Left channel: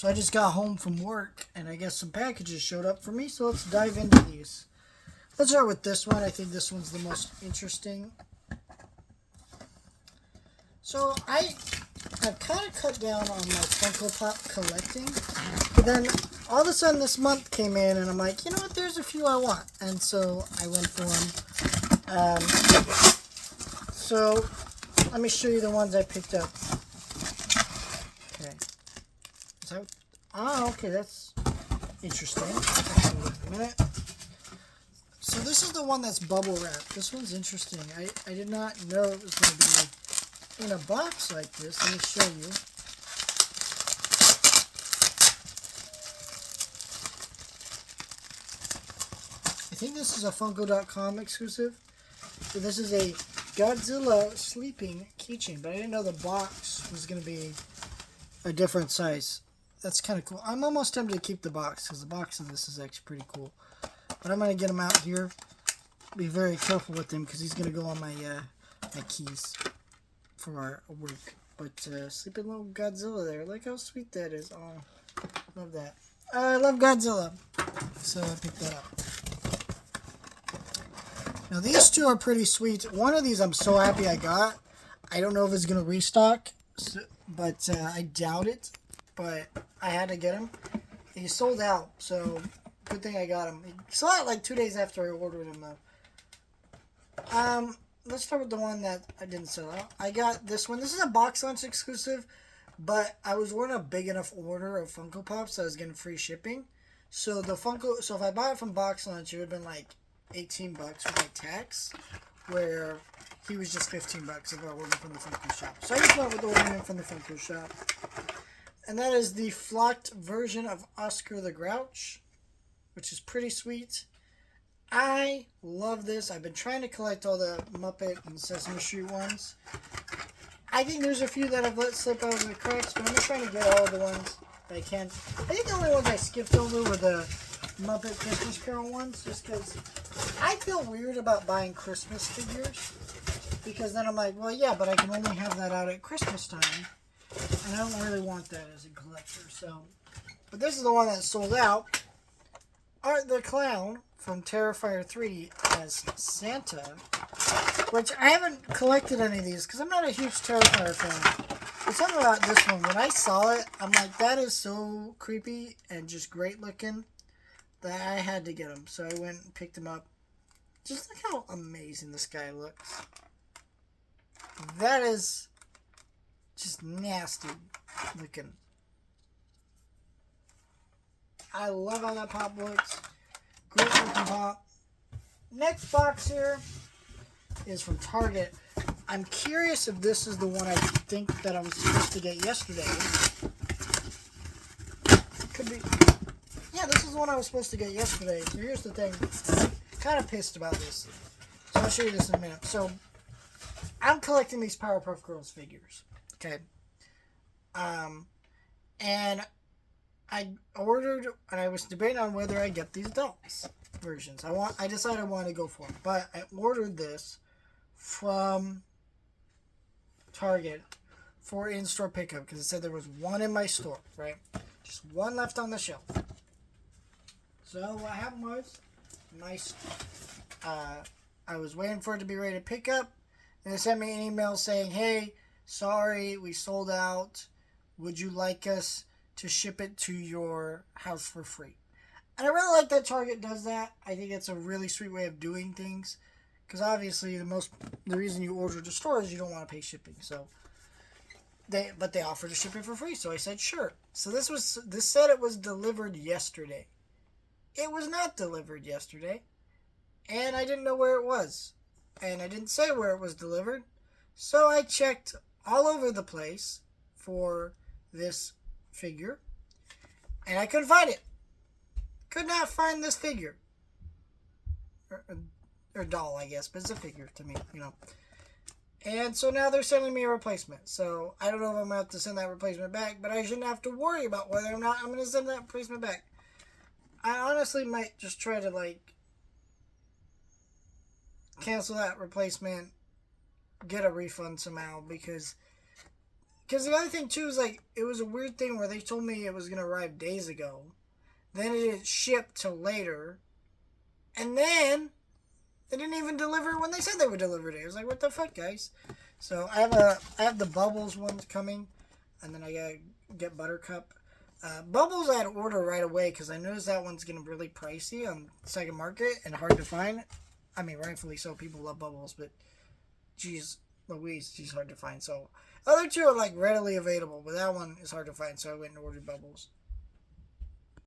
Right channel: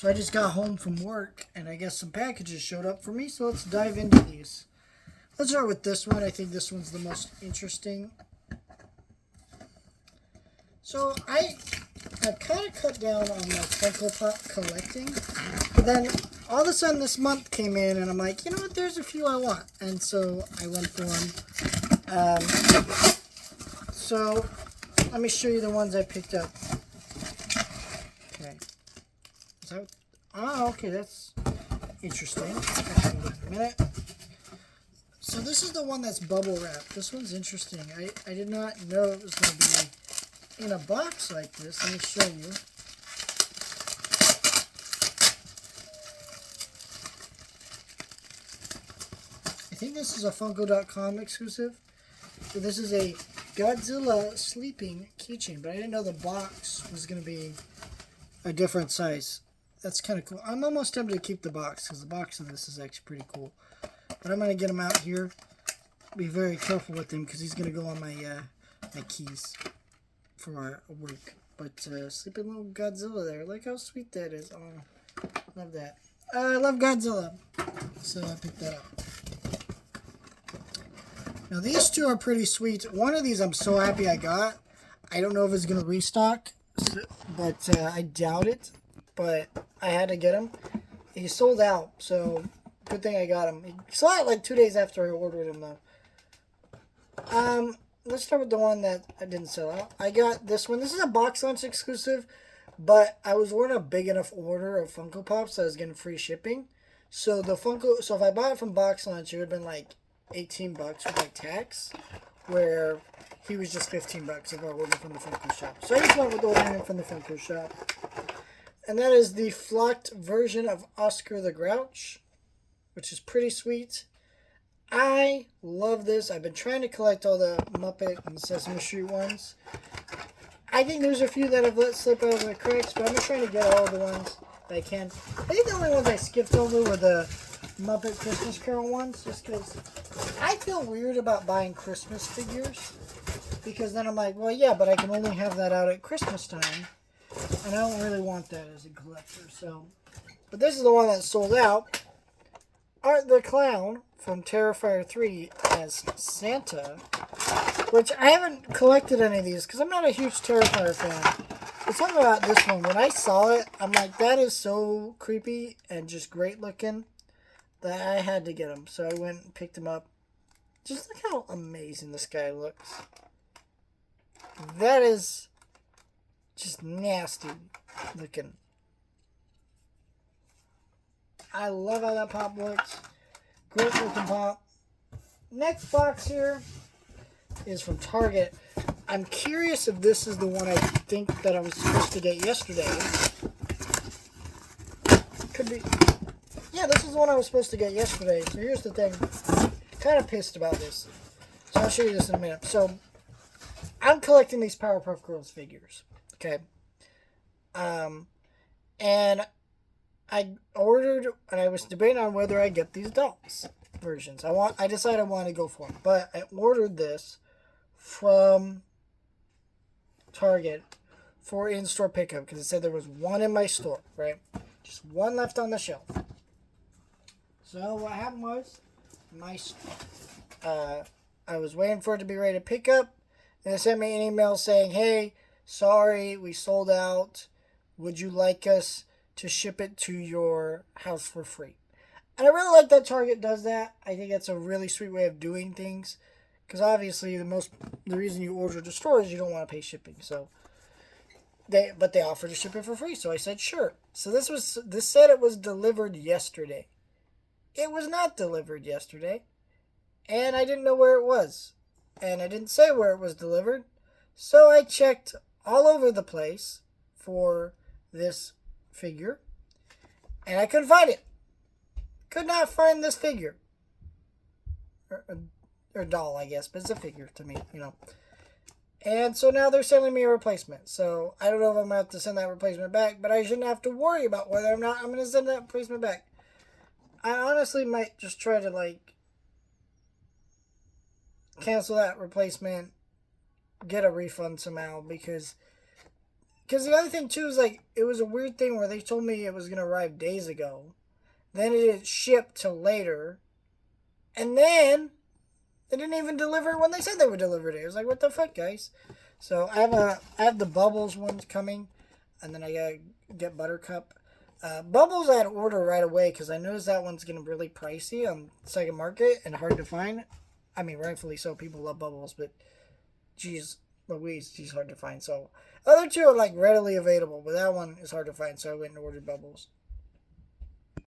So I just got home from work, and I guess some packages showed up for me, so let's dive into these. Let's start with this one. I think this one's the most interesting. So I've kind of cut down on my Funko Pop collecting, but then all of a sudden this month came in, and I'm like, you know what, there's a few I want, and so I went for them. So let me show you the ones I picked up. Okay. Okay, that's interesting. In a minute. So this is the one that's bubble wrapped. This one's interesting. I did not know it was going to be in a box like this. Let me show you. I think this is a Funko.com exclusive. So this is a Godzilla sleeping keychain, but I didn't know the box was going to be a different size. That's kind of cool. I'm almost tempted to keep the box because the box of this is actually pretty cool. But I'm going to get him out here. Be very careful with him because he's going to go on my my keys for our work. But sleeping little Godzilla there. Look how sweet that is. Oh, love that. I love Godzilla. So I picked that up. Now these two are pretty sweet. One of these I'm so happy I got. I don't know if it's going to restock, but I doubt it. But I had to get him. He sold out, so good thing I got him. He sold out like 2 days after I ordered him, though. Let's start with the one that I didn't sell out. I got this one. This is a box lunch exclusive, but I was ordering a big enough order of Funko Pops, so I was getting free shipping. So the Funko, so if I bought it from box lunch, it would have been like $18 with like tax, where he was just $15 if I ordered from the Funko shop. So I just went with ordering him from the Funko shop. And that is the flocked version of Oscar the Grouch, which is pretty sweet. I love this. I've been trying to collect all the Muppet and Sesame Street ones. I think there's a few that I've let slip out of the cracks, but I'm just trying to get all the ones that I can. I think the only ones I skipped over were the Muppet Christmas Carol ones, just because I feel weird about buying Christmas figures. Because then I'm like, well, yeah, but I can only have that out at Christmas time. And I don't really want that as a collector, so. But this is the one that sold out. Art the Clown from Terrifier 3 as Santa, which I haven't collected any of these because I'm not a huge Terrifier fan. But something about this one, when I saw it, I'm like, that is so creepy and just great looking that I had to get him. So I went and picked him up. Just look how amazing this guy looks. That is just nasty looking. I love how that pop looks. Great looking pop. Next box here is from Target. I'm curious if this is the one I think that I was supposed to get yesterday. Could be. Yeah, this is the one I was supposed to get yesterday. So here's the thing. I'm kind of pissed about this. So I'll show you this in a minute. So I'm collecting these Powerpuff Girls figures. Okay. And I ordered, and I was debating on whether I get these dolls versions. I decided I wanted to go for them, but I ordered this from Target for in-store pickup because it said there was one in my store, right? Just one left on the shelf. So what happened was, I was waiting for it to be ready to pick up, and they sent me an email saying, "Hey, sorry, we sold out. Would you like us to ship it to your house for free?" And I really like that Target does that. I think it's a really sweet way of doing things. Because obviously the reason you order at the store is you don't want to pay shipping. So they offered to ship it for free. So I said sure. So this said it was delivered yesterday. It was not delivered yesterday. And I didn't know where it was. And I didn't say where it was delivered. So I checked all over the place for this figure, and I couldn't find it. Could not find this figure. Or doll, I guess, but it's a figure to me, you know. And so now they're sending me a replacement. So I don't know if I'm going to have to send that replacement back, but I shouldn't have to worry about whether or not I'm going to send that replacement back. I honestly might just try to, like, cancel that replacement, get a refund somehow, because Because the other thing too is like it was a weird thing where they told me it was gonna arrive days ago, then it didn't ship till later, and then they didn't even deliver it when they said they would deliver it. I was like, what the fuck, guys? So I have the Bubbles ones coming, and then I gotta get Buttercup. Bubbles I had to order right away because I noticed that one's getting really pricey on second market and hard to find. I mean, rightfully so. People love Bubbles, but geez, Louise, she's hard to find. So other two are like readily available, but that one is hard to find. So I went and ordered Bubbles.